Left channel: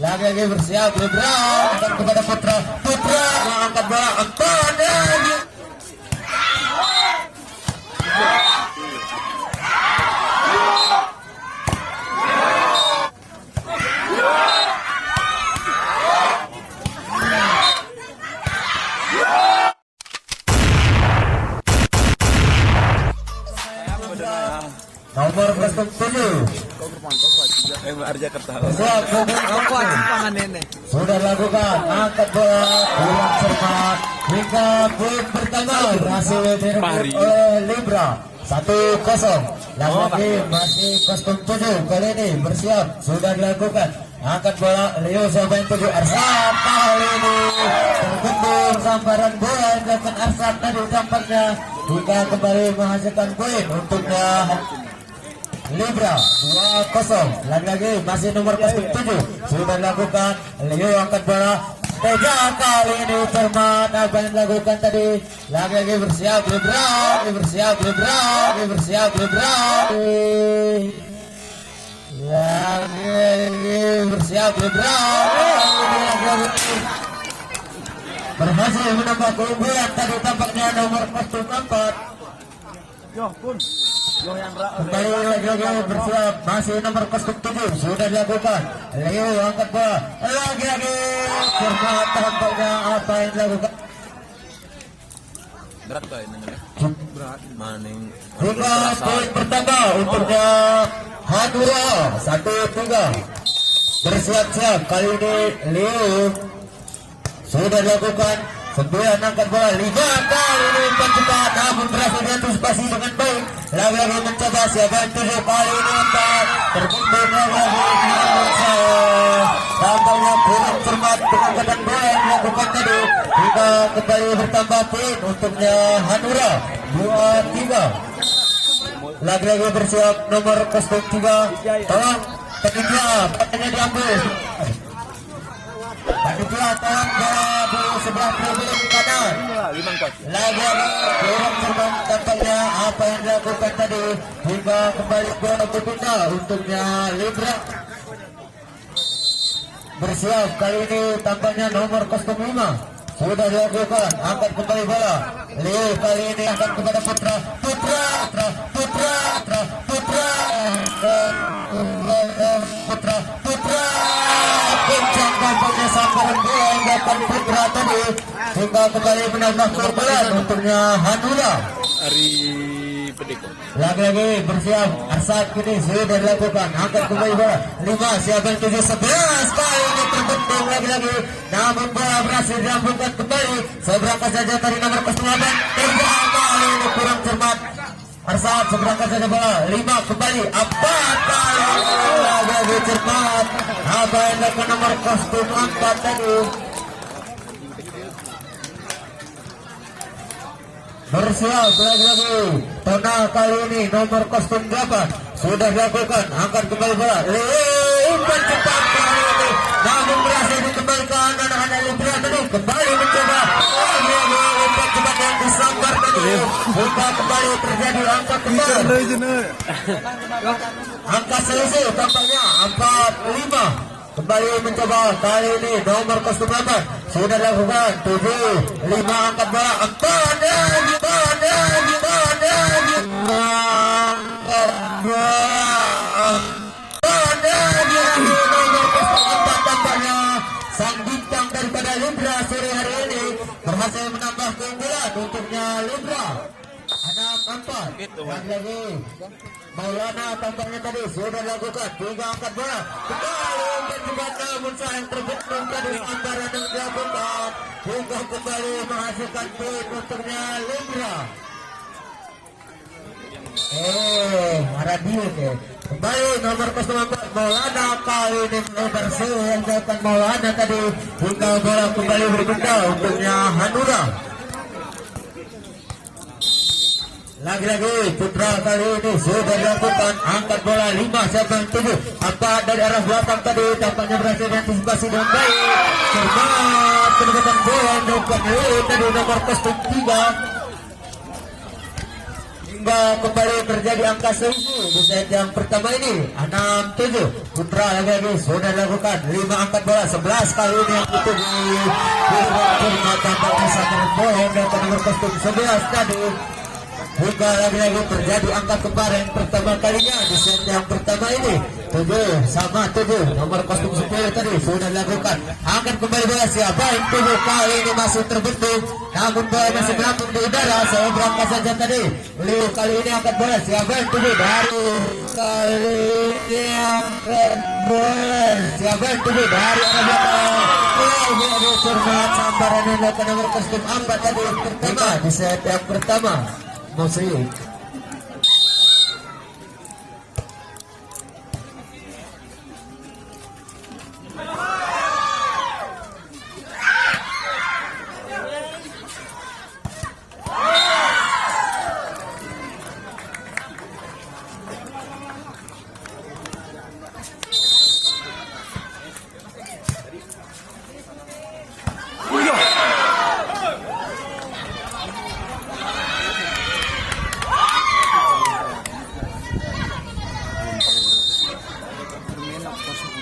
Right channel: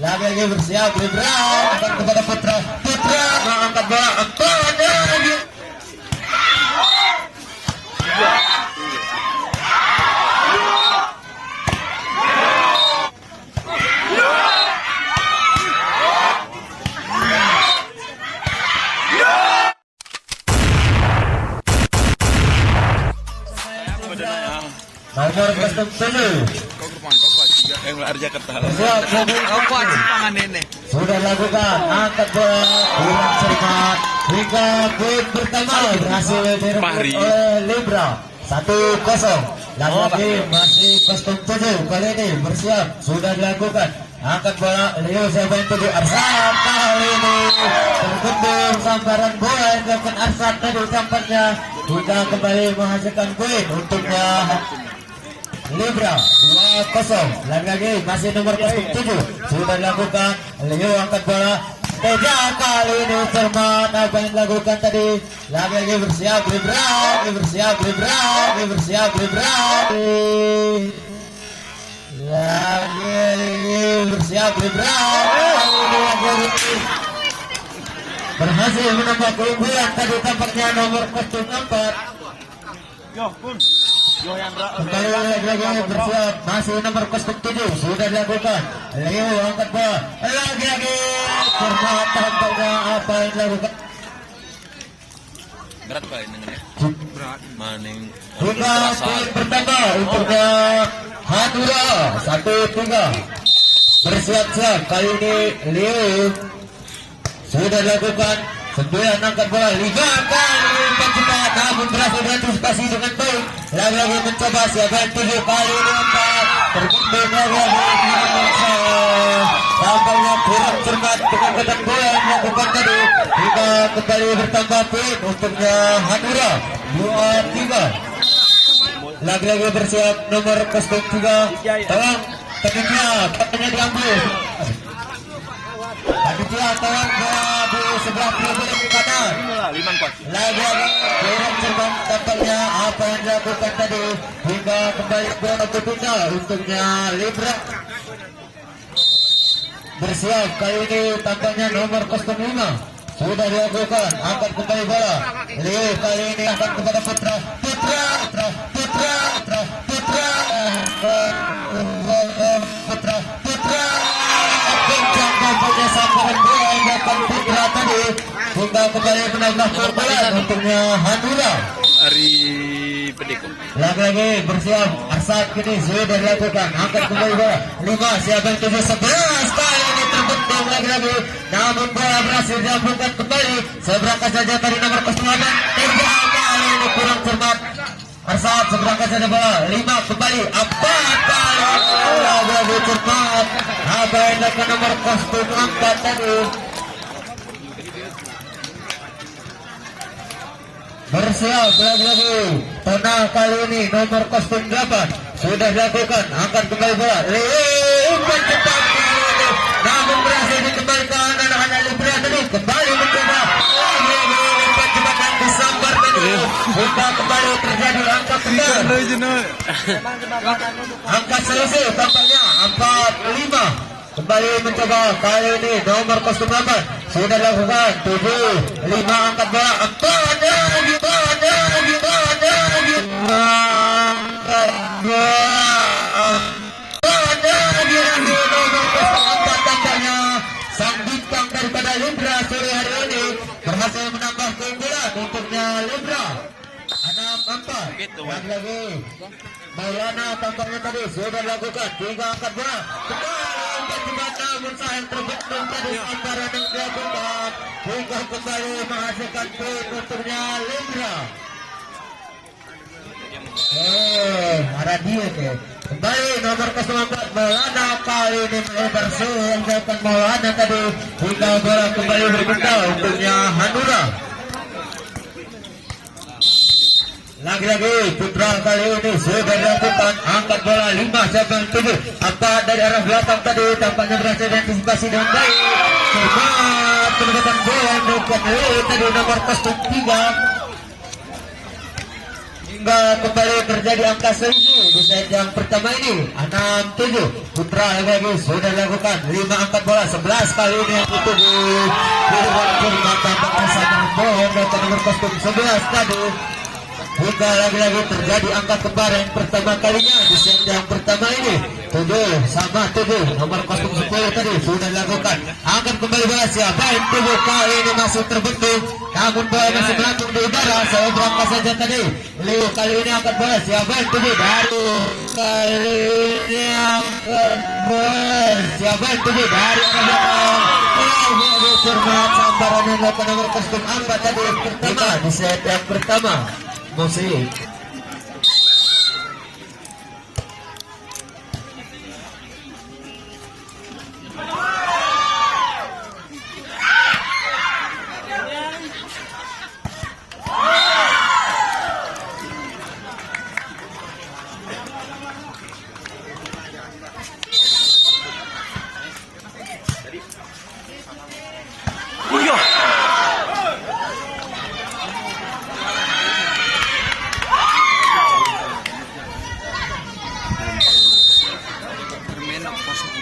Lagi-lagi bersiap Libra akan kepada Putra angkat bola empat lagi. Nomor 07 sudah lakukan angkat bola dengan cermat hingga poin pertama berhasil direbut oleh Libra 1-0. Lagi-lagi masih kostum 7 kali ini bersiap sudah dilakukan angkat bola Leo Zaben 7 Arsat kali ini terbentur sambaran bola yang dilakukan Arsat tadi tampaknya hingga kembali menghasilkan poin untuknya Libra 2-0. Lagi-lagi masih nomor 07 sudah dilakukan Leo angkat bola Teja kali ini cermat apa yang dilakukan tadi. Lagi-lagi bersiap Libra bersiap Libra lagi-lagi bersiap Libra berhasil menambah keunggulan tadi tampaknya nomor 04. Kembali lagi bersiap masih nomor 07 sudah dilakukan Leo angkat bola lagi-lagi cermat tampaknya apa yang dilakukan berat kali ini berat maning hingga poin pertama untuknya Hadura 1-3 bersiap-siap kali ini Leo sudah dilakukan sembilan angkat bola 5 kali ini pencetak namun berhasil diantisipasi dengan baik. Lagi-lagi mencoba siapa yang 7 kali ini empat terbentur lagi-lagi tampaknya kurang cermat dengan kedan bola yang dilakukan tadi hingga kembali bertambah tim untuknya Hanura 2-3. Lagi-lagi bersiap nomor 03 tolong tekniknya katanya diambil Panitia tolong di sebelah tribun kanan. Lagi-lagi kurang cermat tampaknya apa yang dilakukan tadi hingga kembali bola berpindah untuknya Libra. Bersiap kali ini tampaknya nomor 05 sudah dilakukan angkat kembali bola. Leo kali ini akan kepada Putra kencang tampaknya sambaran bola yang dapat Putra tadi hingga kembali menambah keunggulan untuknya Hanura. Ari Pedeko. Lagi-lagi bersiap Arsat kini sudah dilakukan angkat kembali bola 5 siapa yang 7 11 kali ini terbentuk lagi-lagi namun bola berhasil dilakukan kembali seberangkat saja dari nomor 08 tidak kali ini kurang cermat Arsat seberangkat saja bola 5 kembali 4 kali lagi-lagi cermat apa yang dilakukan nomor kostum 4 tadi bersiap lagi-lagi Tona kali ini nomor kostum 8 sudah dilakukan angkat kembali bola umpan cepat kali ini namun berhasil dikembalikan anak-anak Libra tadi kembali mencoba lagi-lagi umpan cepat yang disambar tadi hingga kembali terjadi angka kembali angka selisih tampaknya 4-5 kembali mencoba kali ini nomor kostum 8 sudah dilakukan 7 5 angkat bola 4 lagi nomor kostum 4 tampaknya sang bintang daripada Libra sore hari ini berhasil menambah keunggulan untuknya Libra 6-4 lagi Maulana tampaknya tadi sudah dilakukan 3 angkat bola kembali umpan cepat namun sayang terbentuk tadi antara yang dilakukan hingga kembali menghasilkan poin untuknya Libra. Radio ke kembali nomor 04 Maulana kali ini melebar yang dilakukan Maulana tadi hingga bola kembali berpindah untuknya Hanura. Lagi-lagi Putra kali ini sudah dilakukan angkat bola 5 siapa yang 7 angkat dari arah belakang tadi tampaknya berhasil diantisipasi dengan baik cermat pendekatan bola yang dilakukan tadi nomor kostum 3 hingga kembali terjadi angka selisih di set yang pertama ini 6-7. Putra lagi sudah lakukan 5 angkat bola 11 kali ini yang itu di mata tampaknya mohon dan nomor kostum 11 tadi. Hingga lagi-lagi terjadi angka kembar yang pertama kalinya di set yang pertama ini 7-7. Nomor kostum 10 tadi sudah dilakukan. Akan kembali bola siapa yang 7 kali ini masih terbentuk, namun bola masih melambung di udara. Saya berangkat saja tadi. Liu kali ini akan bola siapa yang 7 dari kali ini akan bola siapa yang 7 dari arah belakang. Cermat sambaran yang dilakukan nomor kostum 4 tadi yang pertama di set yang pertama. Musik. Permen kosong.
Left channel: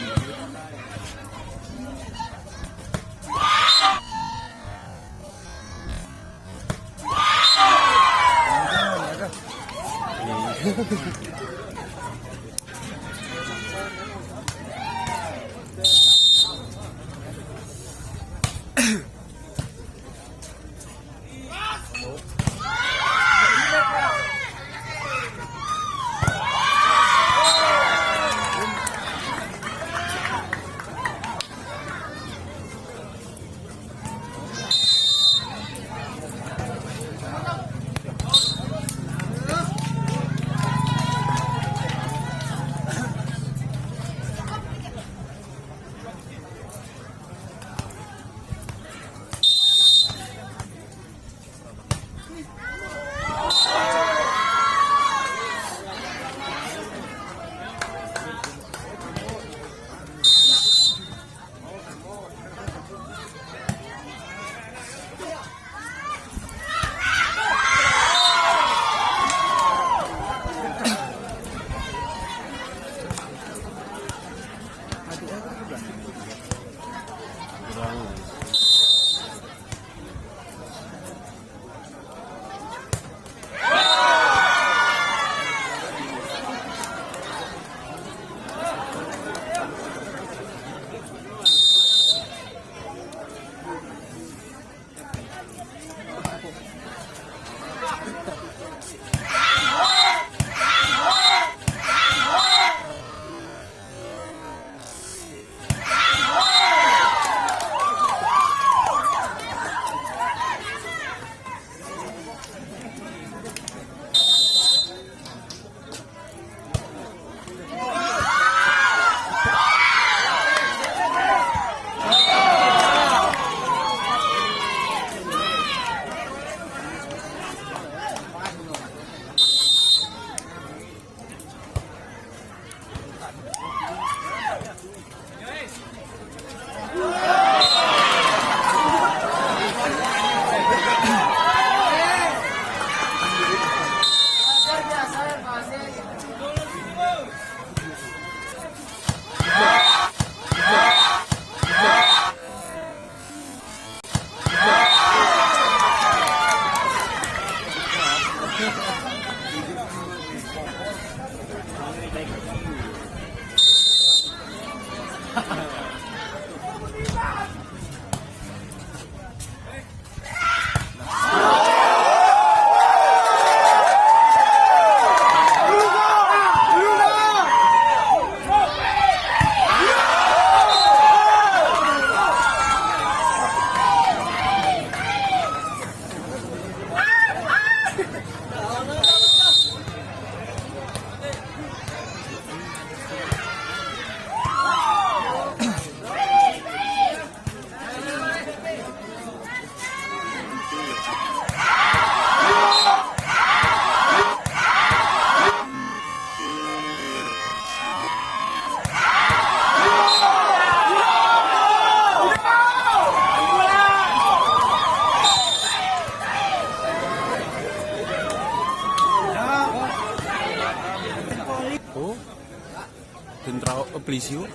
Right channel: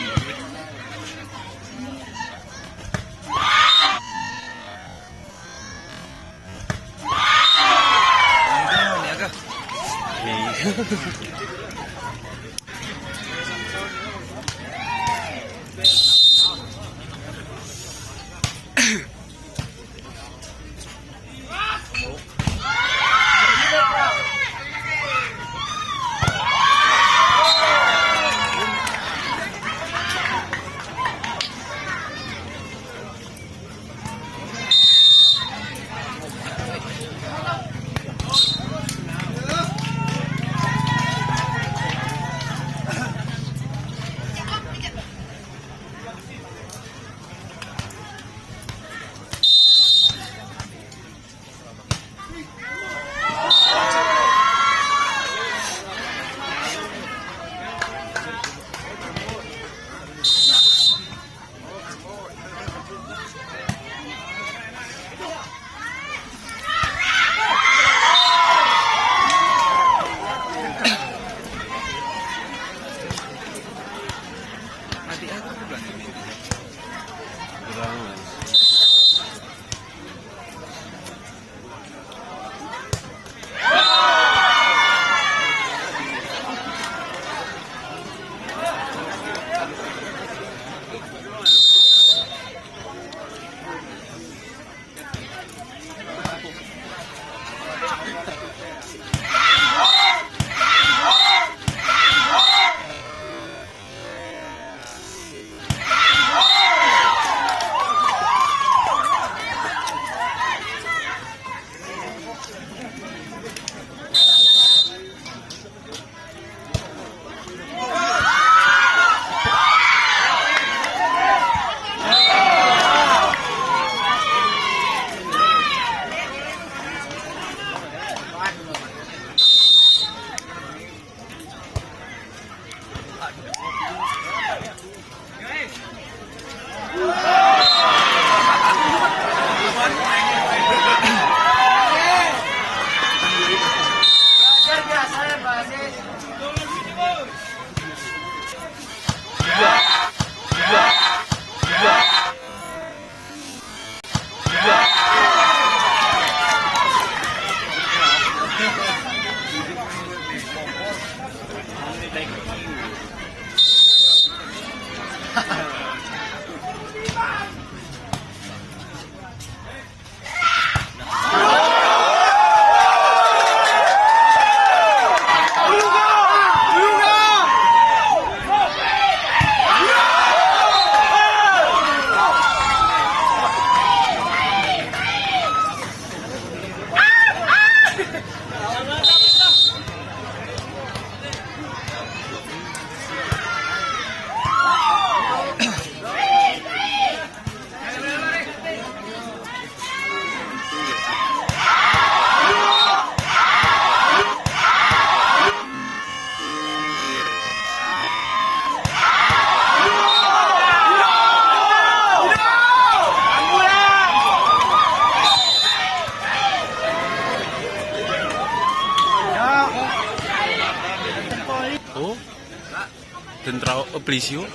Oblisio.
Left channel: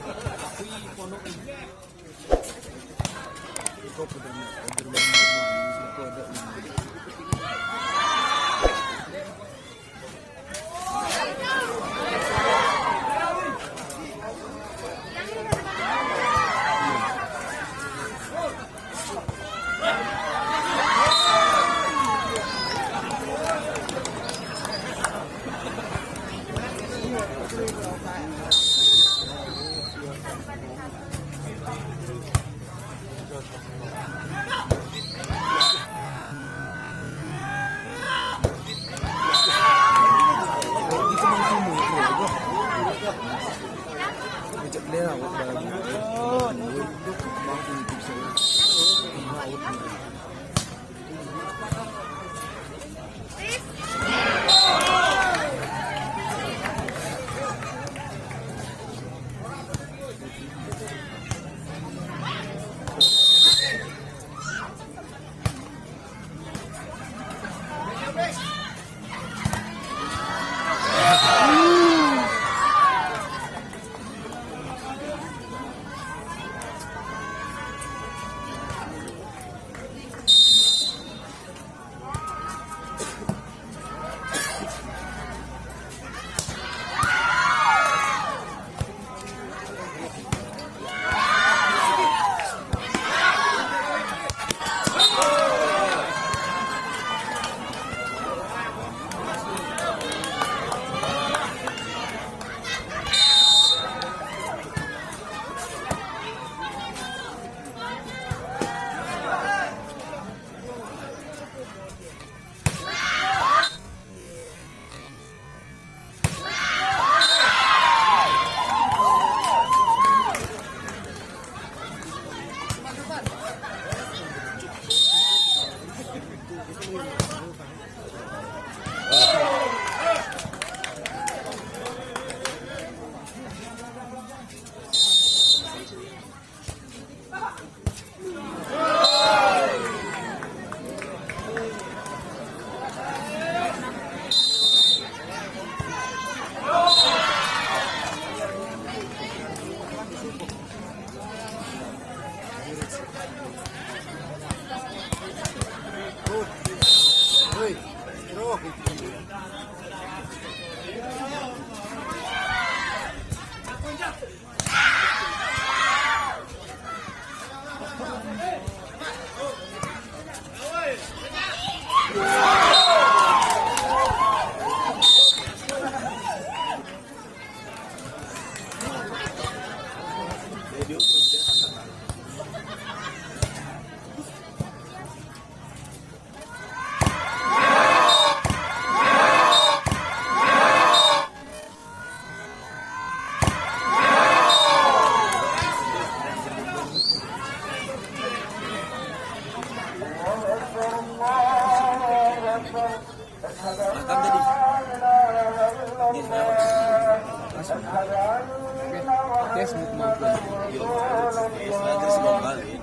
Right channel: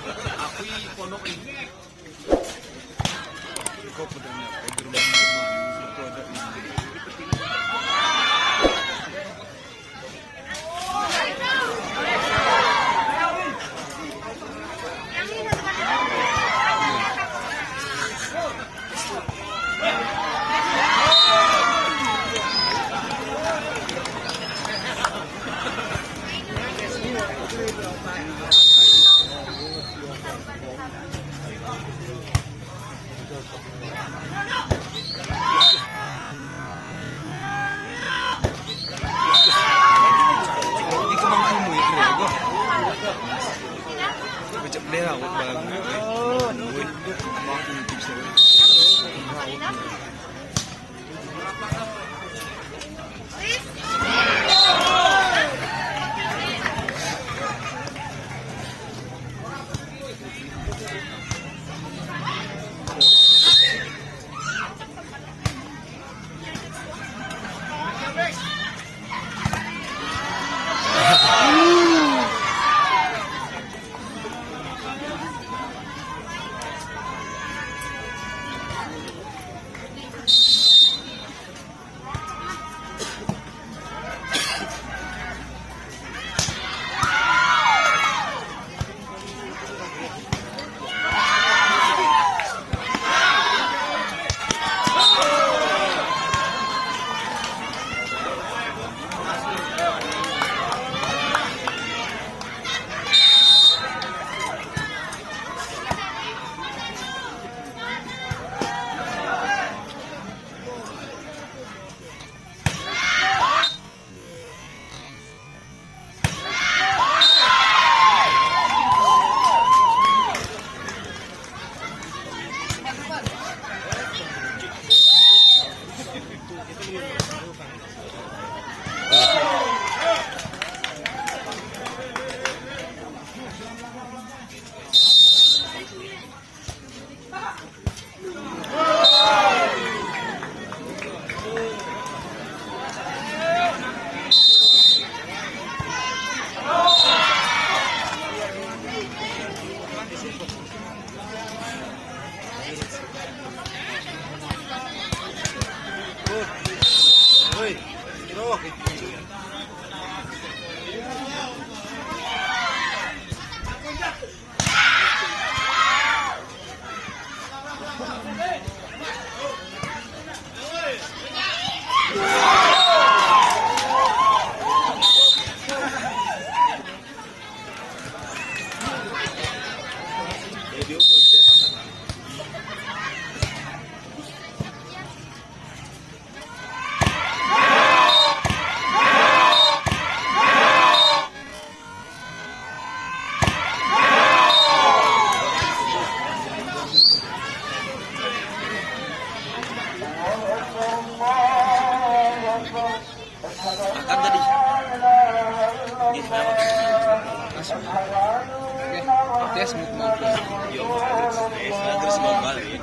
Tes movement. Terus gombal nih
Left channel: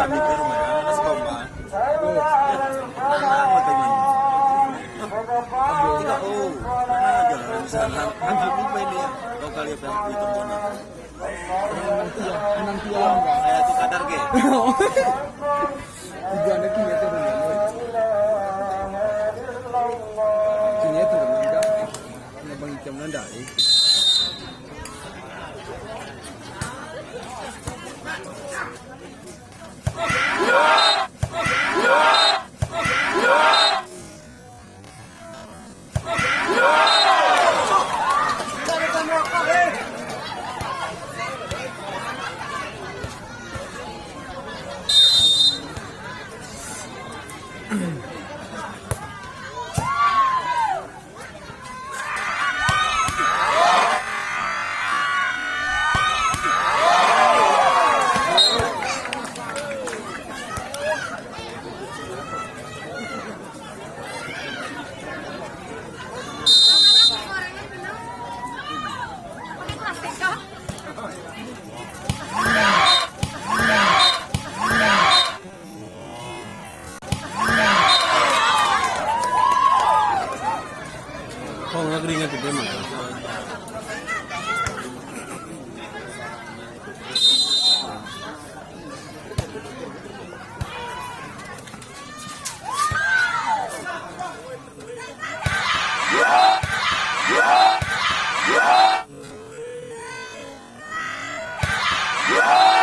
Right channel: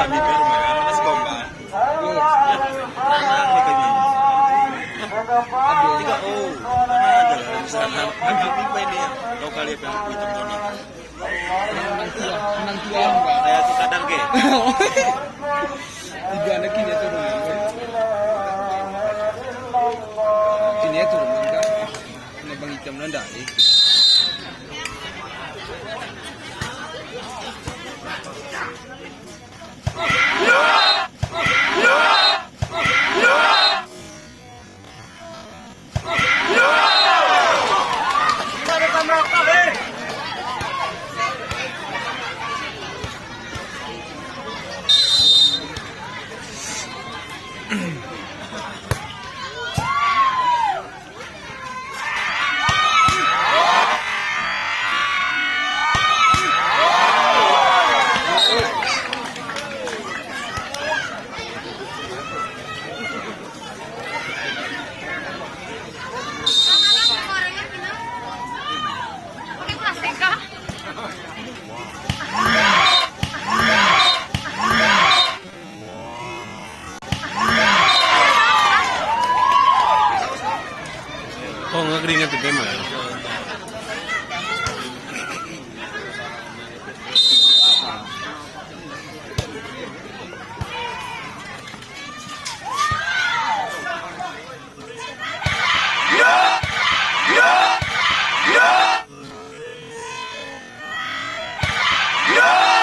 kami firman terus gombal. Tiga anak kini itu kini itu bang hitam nanda. Oh, nggak keringat itu emang ya? No!